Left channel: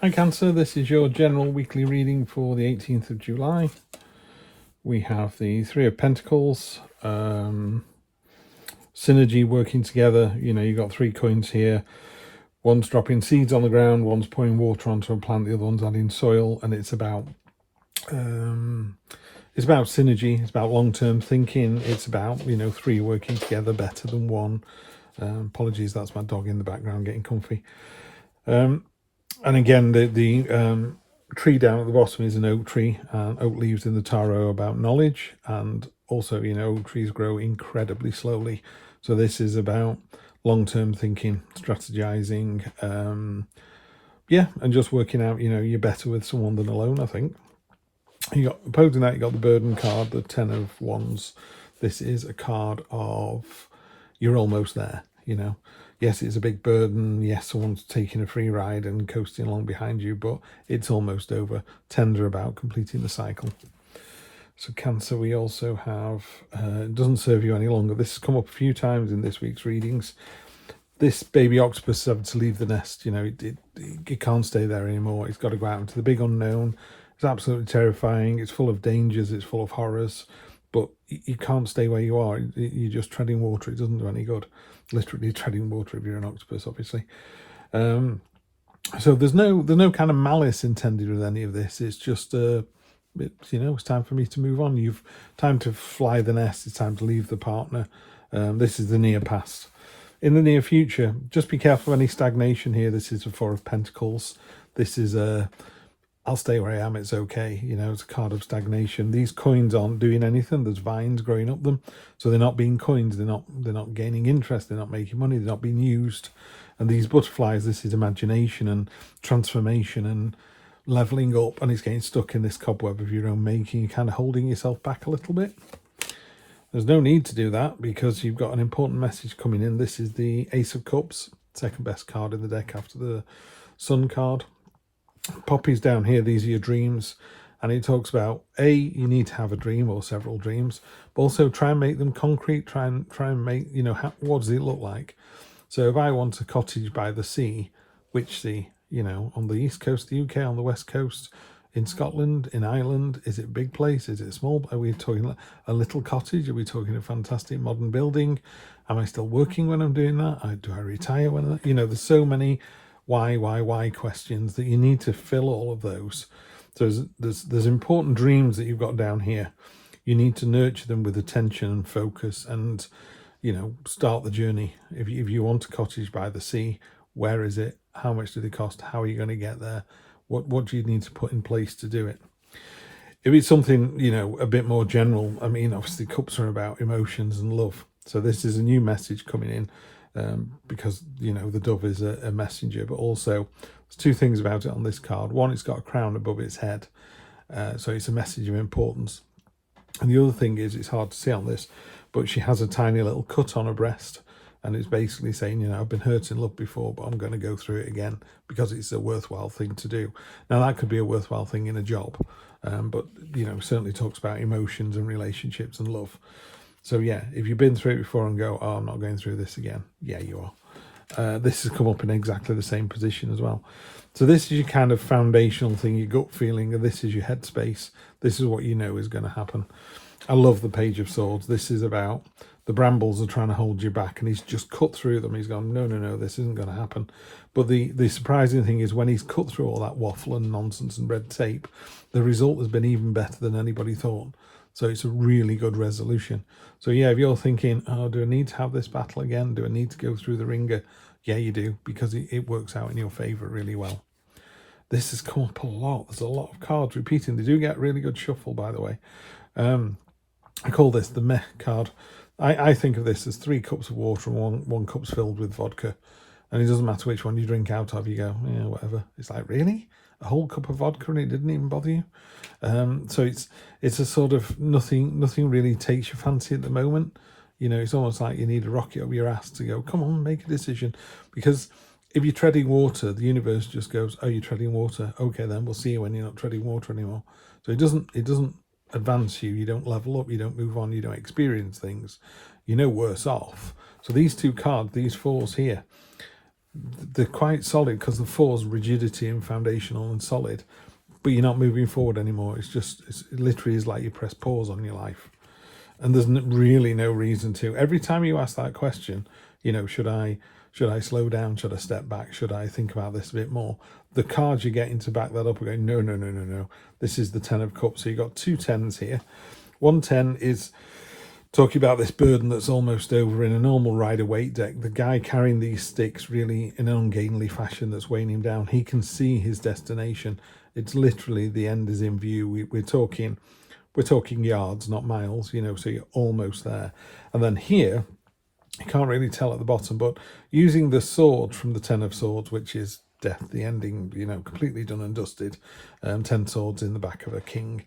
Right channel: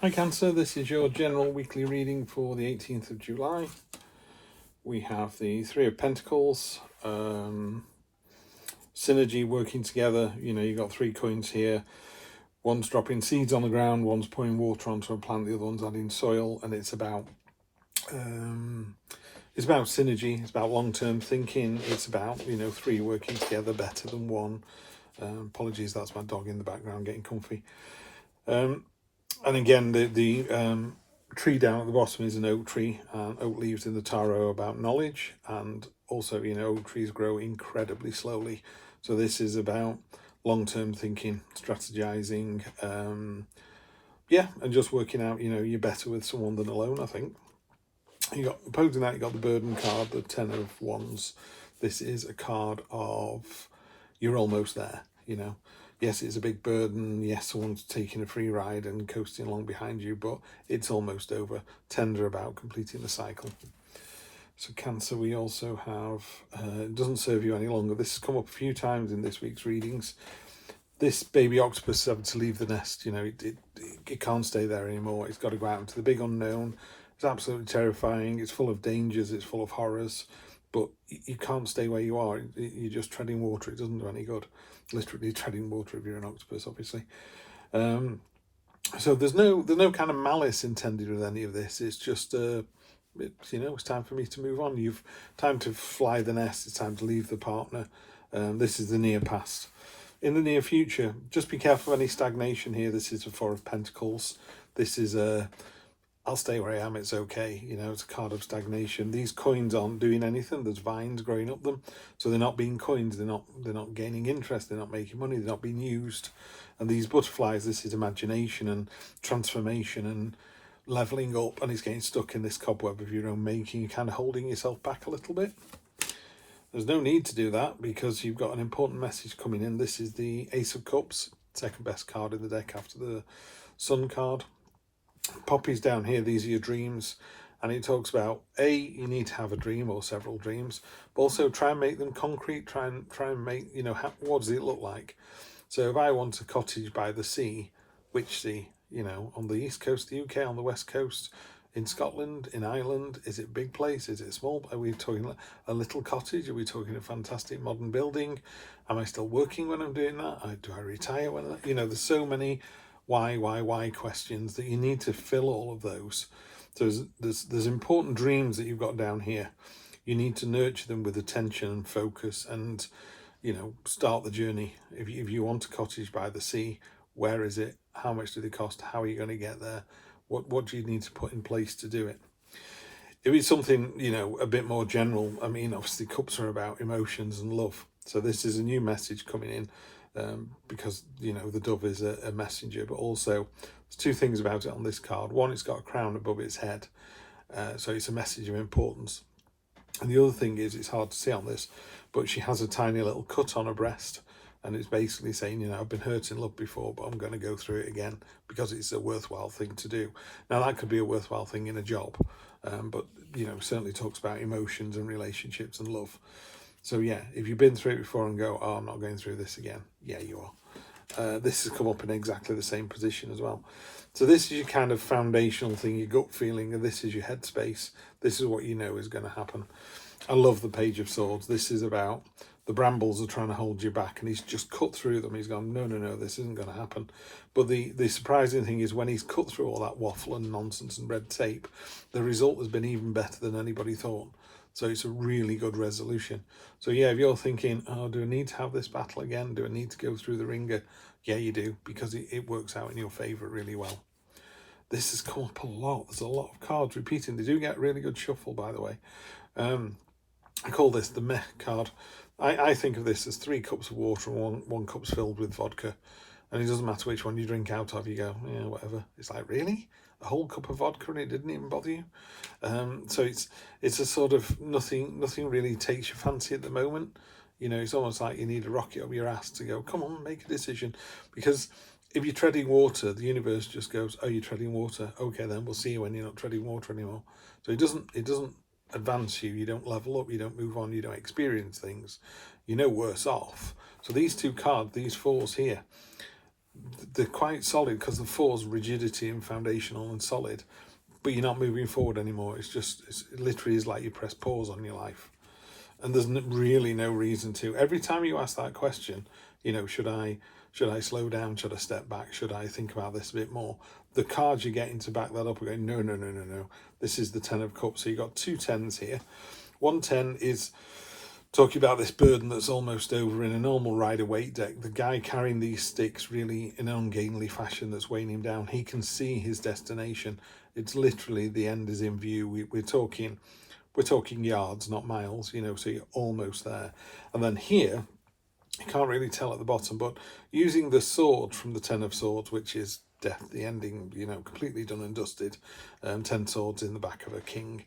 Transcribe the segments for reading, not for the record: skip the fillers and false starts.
Hi Cancer, this is your general weekly reading for the 18th of July. We have the Three of Pentacles, synergy working together. You know, you've got three coins here. One's dropping seeds on the ground, one's pouring water onto a plant, the other one's adding soil, and it's about synergy, it's about long-term thinking, it's about, you know, three working together better than one. Apologies, that's my dog in the background getting comfy. And again, the tree down at the bottom is an oak tree. Oak leaves in the tarot about knowledge, and also, you know, oak trees grow incredibly slowly. So this is about long-term thinking, strategizing, yeah, and just working out, you know, you're better with someone than alone, I think. You got, opposing that, you got the burden card, the Ten of Wands. This is a card of you're almost there, you know. Yes, it's a big burden. Yes, someone's taking a free ride and coasting along behind you, but it's almost over. Tender about completing the cycle. So Cancer, we also have, it doesn't serve you any longer. This has come up a few times in this week's readings. This baby octopus having to leave the nest, you know, it can't stay there anymore. It's got to go out into the big unknown. It's absolutely terrifying. It's full of dangers. It's full of horrors. But you can't stay where you are. You're just treading water. It doesn't do any good. Literally treading water if you're an octopus, obviously. So there's no kind of malice intended with any of this. It's just, you know, it's time for me to move on. You've time to fly the nest. It's time to leave the partner. This is the near past. In the near future, just be careful of any stagnation here. This is the Four of Pentacles. This is I'll stay where I am, it's okay. You know, it's a card of stagnation. These coins aren't doing anything. There's vines growing up them. So they're not being coins. They're not gaining interest. They're not making money. They're not being used. And these butterflies, this is imagination and transformation and leveling up. And it's getting stuck in this cobweb of your own making. You're kind of holding yourself back a little bit. There's no need to do that because you've got an important message coming in. This is the Ace of Cups, second best card in the deck after the Sun card. Poppies down here, these are your dreams, and it talks about you need to have a dream or several dreams, but also try and make them concrete. Try and make, you know, what does it look like? So if I want a cottage by the sea, which sea? You know, on the east coast of the UK, on the west coast, in Scotland, in Ireland? Is it a big place? Is it small? Are we talking a little cottage? Are we talking a fantastic modern building? Am I still working when I'm doing that? Do I retire when you know? There's so many why questions that you need to fill all of those. So there's important dreams that you've got down here. You need to nurture them with attention and focus, and, you know, start the journey. If you want a cottage by the sea, where is it? How much do they cost? How are you going to get there? What do you need to put in place to do it? If it's something, you know, a bit more general, I mean, obviously cups are about emotions and love. So this is a new message coming in. Because, you know, the dove is a messenger, but also there's two things about it on this card. One, it's got a crown above its head, so it's a message of importance. And the other thing is, it's hard to see on this, but she has a tiny little cut on her breast, and it's basically saying, you know, I've been hurt in love before, but I'm going to go through it again because it's a worthwhile thing to do. Now, that could be a worthwhile thing in a job, but, you know, certainly talks about emotions and relationships and love. So yeah, if you've been through it before and go, oh, I'm not going through this again. Yeah, you are. This has come up in exactly the same position as well. So this is your kind of foundational thing, your gut feeling, and this is your headspace. This is what you know is going to happen. I love the Page of Swords. This is about the brambles are trying to hold you back, and he's just cut through them. He's gone, no, this isn't going to happen. But the surprising thing is when he's cut through all that waffle and nonsense and red tape, the result has been even better than anybody thought. So it's a really good resolution. So yeah, if you're thinking, oh, do I need to have this battle again? Do I need to go through the ringer? Yeah, you do, because it works out in your favour really well. This has come up a lot. There's a lot of cards repeating. They do get really good shuffle, by the way. I call this the meh card. I think of this as 3 cups of water and one cup's filled with vodka. And it doesn't matter which one you drink out of, you go, yeah, whatever. It's like, really? A whole cup of vodka and it didn't even bother you? So it's a sort of nothing really takes your fancy at the moment. You know, it's almost like you need a rocket up your ass to go, come on, make a decision. Because if you're treading water, the universe just goes, oh, you're treading water. Okay, then we'll see you when you're not treading water anymore. So it doesn't advance you. You don't level up. You don't move on. You don't experience things. You're no worse off. So these two cards, these fours here, they're quite solid because the four's rigidity and foundational and solid, but you're not moving forward anymore. It literally is like you press pause on your life, and there's really no reason to. Every time you ask that question, should I slow down? Should I step back? Should I think about this a bit more? The cards you're getting to back that up are going, no, no, no, no, no. This is the 10 of Cups. So you've got 2 10s here. 1 10 is talking about this burden that's almost over in a normal Rider-Waite deck. The guy carrying these sticks really in an ungainly fashion that's weighing him down. He can see his destination. It's literally the end is in view. We're talking yards, not miles, so you're almost there. And then here, you can't really tell at the bottom, but using the sword from the 10 of Swords, which is death, the ending, completely done and dusted, 10 swords in the back of a king.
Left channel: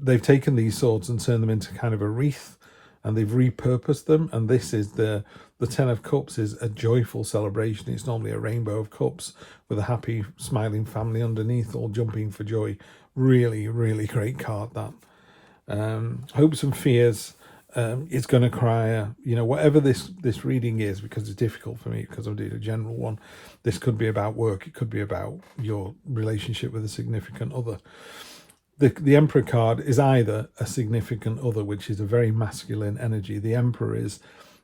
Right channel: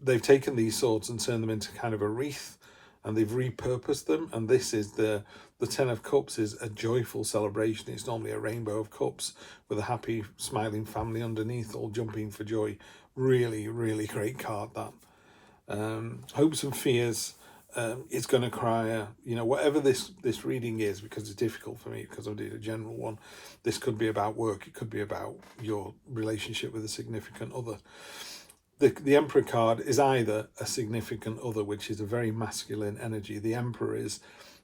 They've taken these swords and turned them into kind of a wreath, and they've repurposed them. And this is the 10 of Cups is a joyful celebration. It's normally a rainbow of cups with a happy, smiling family underneath, all jumping for joy. Really, really great card, that. Hopes and fears. It's going to cry, whatever this reading is, because it's difficult for me because I did a general one. This could be about work. It could be about your relationship with a significant other. The Emperor card is either a significant other, which is a very masculine energy. The Emperor is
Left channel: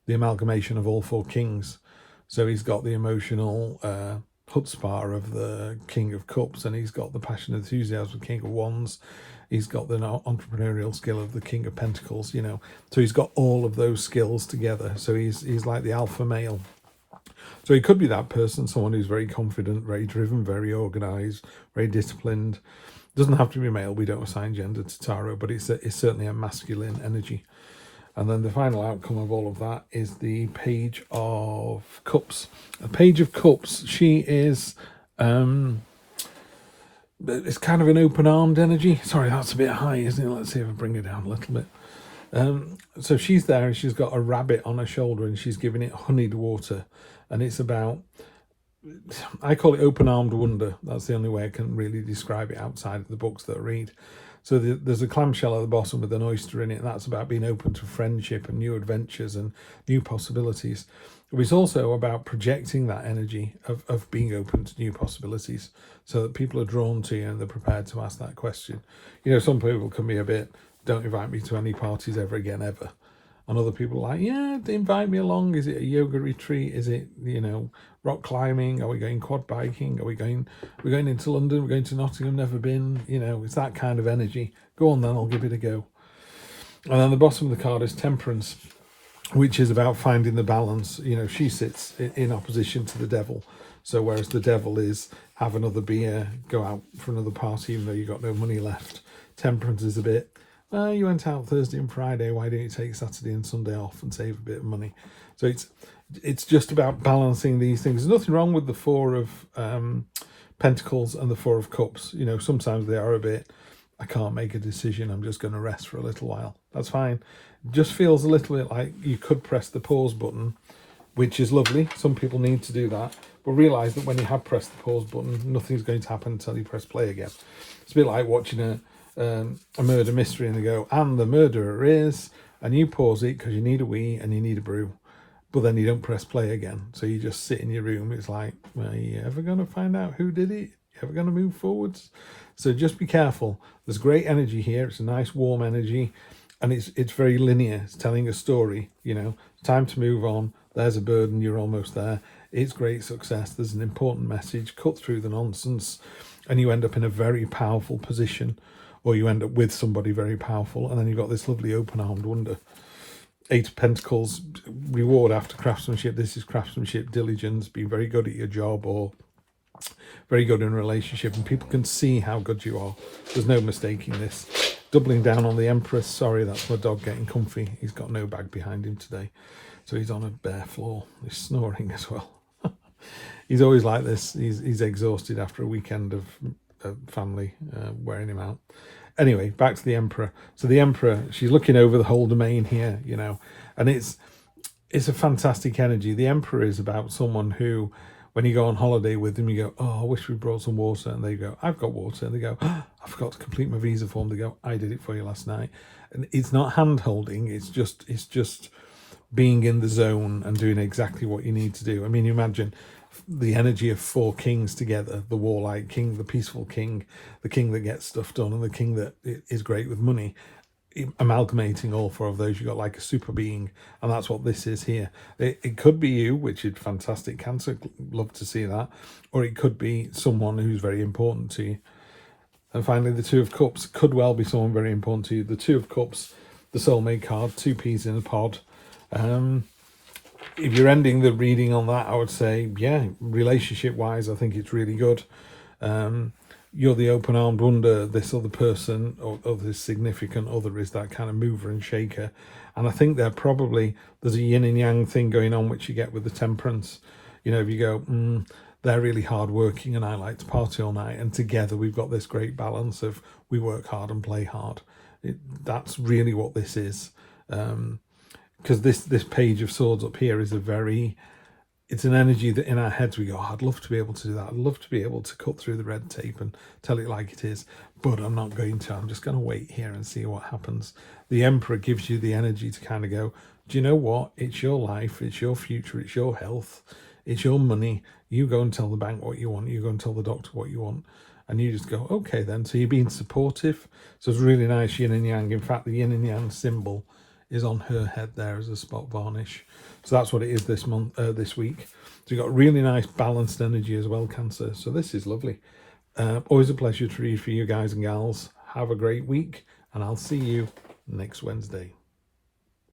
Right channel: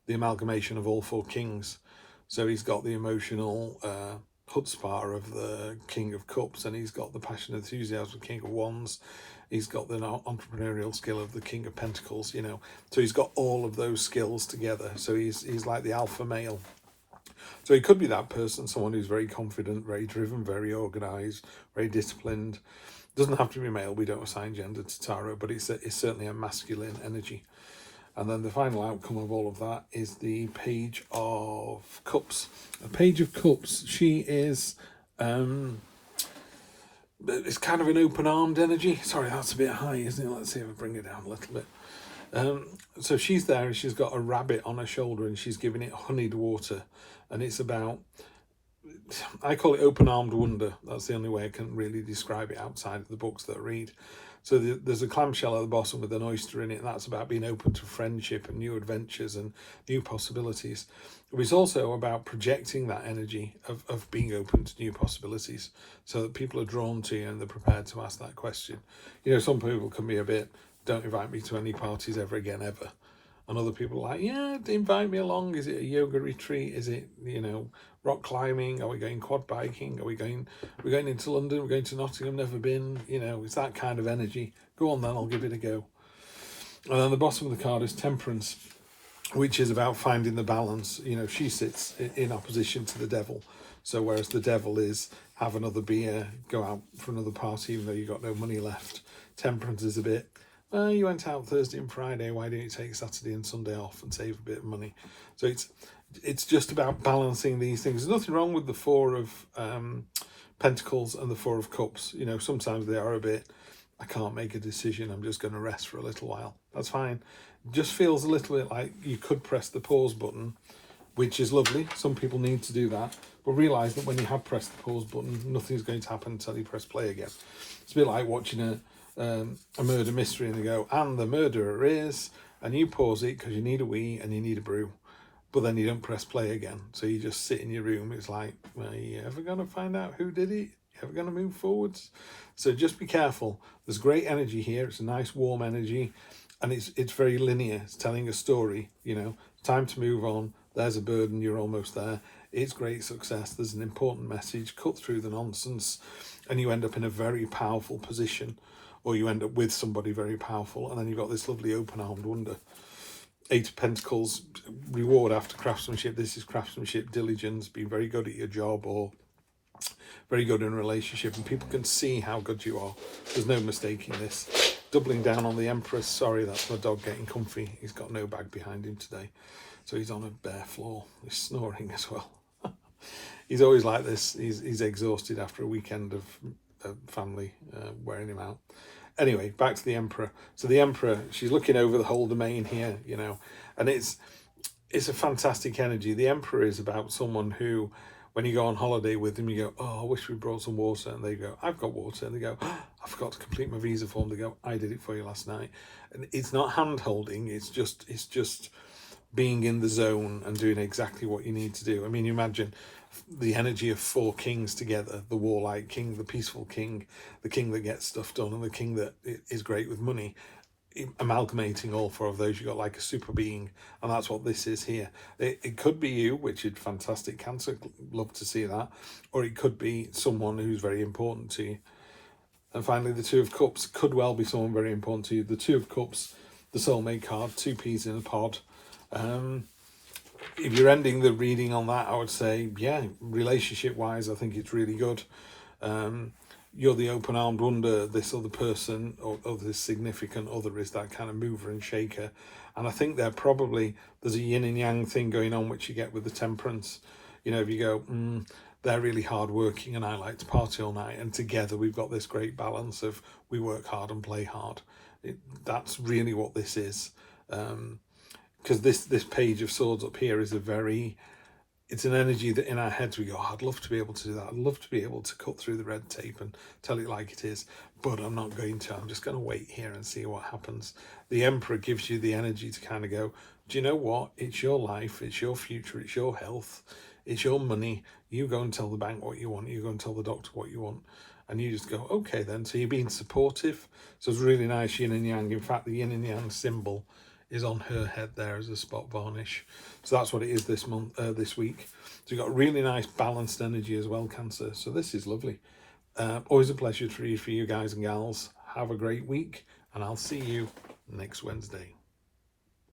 the amalgamation of all 4 kings. So he's got the emotional chutzpah of the King of Cups, and he's got the passion and enthusiasm of the King of Wands. He's got the entrepreneurial skill of the King of Pentacles, So he's got all of those skills together. So he's like the alpha male. So he could be that person, someone who's very confident, very driven, very organised, very disciplined. Doesn't have to be male. We don't assign gender to tarot, but it's certainly a masculine energy. And then the final outcome of all of that is the Page of Cups. The Page of Cups, she is... it's kind of an open-armed energy. Sorry, that's a bit high, isn't it? Let's see if I bring it down a little bit. So she's there and she's got a rabbit on her shoulder and she's giving it honeyed water. And it's about, I call it open-armed wonder. That's the only way I can really describe it outside of the books that I read. So there's a clamshell at the bottom with an oyster in it. And that's about being open to friendship and new adventures and new possibilities. It's also about projecting that energy of being open to new possibilities so that people are drawn to you and they're prepared to ask that question. Some people can be a bit, don't invite me to any parties ever again, ever. And other people are like, yeah, invite me along. Is it a yoga retreat? Is it, rock climbing? Are we going quad biking? We're going into London? We're going to Nottingham, never been. It's that kind of energy. Go on then, I'll give it a go. And then the bottom of the card is Temperance, which is about finding the balance. She sits in opposition to the devil. So whereas the devil is have another beer, go out for another party even though you've got no money left, Temperance is a bit, you went out Thursday and Friday, why don't you take Saturday and Sunday off and save a bit of money? So it's just about balancing these things. There's nothing wrong with the 4 of Pentacles and the 4 of Cups. Sometimes they are a bit, I can't make a decision, I'm just going to rest for a little while. That's fine. It just feels a little bit like you could press the pause button, which is lovely. Some people need to do that. But realise that when you have pressed the pause button, nothing's going to happen until you press play again. It's a bit like watching a murder mystery and they go, and the murderer is, and you pause it because you need a wee and you need a brew, but then you don't press play again. So you just sit in your room. It's like, are you ever going to find out who did it? You ever going to move forwards? So just be careful. There's great energy here. It's a nice warm energy and it's very linear. It's telling a story, time to move on. There's a burden, you're almost there. It's great success. There's an important message. Cut through the nonsense and you end up in a very powerful position, or you end up with somebody very powerful, and then you've got this lovely open-armed wonder. 8 of Pentacles, reward after craftsmanship. This is craftsmanship, diligence, being very good at your job or very good in a relationship, and people can see how good you are. There's no mistaking this. Doubling down on the Empress. Sorry, that's my dog getting comfy. He's got no bag behind him today, so he's on a bare floor. He's snoring as well. He's always like this. He's exhausted after a weekend of family wearing him out. Anyway, back to the Emperor. So the Emperor, she's looking over the whole domain here, and it's a fantastic energy. The Emperor is about someone who, when you go on holiday with them, you go, oh, I wish we brought some water. And they go, I've got water. And they go, oh, I forgot to complete my visa form. They go, I did it for you last night. And it's not hand holding. It's just being in the zone and doing exactly what you need to do. I mean, imagine the energy of 4 kings together, the warlike king, the peaceful king, the king that gets stuff done, and the king that is great with money. Amalgamating all 4 of those, you've got like a super being, and that's what this is here. It could be you, which is fantastic, Cancer, love to see that, or it could be someone who's very important to you. And finally, the 2 of Cups could well be someone very important to you. The 2 of Cups, the soulmate card, 2 peas in a pod. If you're ending the reading on that, I would say, yeah, relationship wise, I think it's really good. You're the open-armed wonder. This other person or this significant other is that kind of mover and shaker. And I think there's a yin and yang thing going on, which you get with the Temperance. You know, if you go, they're really hard working and I like to party all night, and together we've got this great balance of we work hard and play hard. That's really what this is. Because this Page of Swords up here is it's an energy that in our heads we go, oh, I'd love to be able to do that. I'd love to be able to cut through the red tape and tell it like it is, but I'm not going to. I'm just going to wait here and see what happens. The Emperor gives you the energy to kind of go, do you know what? It's your life, it's your future, it's your health, it's your money. You go and tell the bank what you want. You go and tell the doctor what you want. And you just go, okay then. So you're being supportive. So it's really nice yin and yang. In fact, the yin and yang symbol is on her head there as a spot varnish. So that's what it is this week. So you've got really nice balanced energy as well, Cancer. So this is lovely. Always a pleasure to read for you guys and gals. Have a great week, and I'll see you next Wednesday.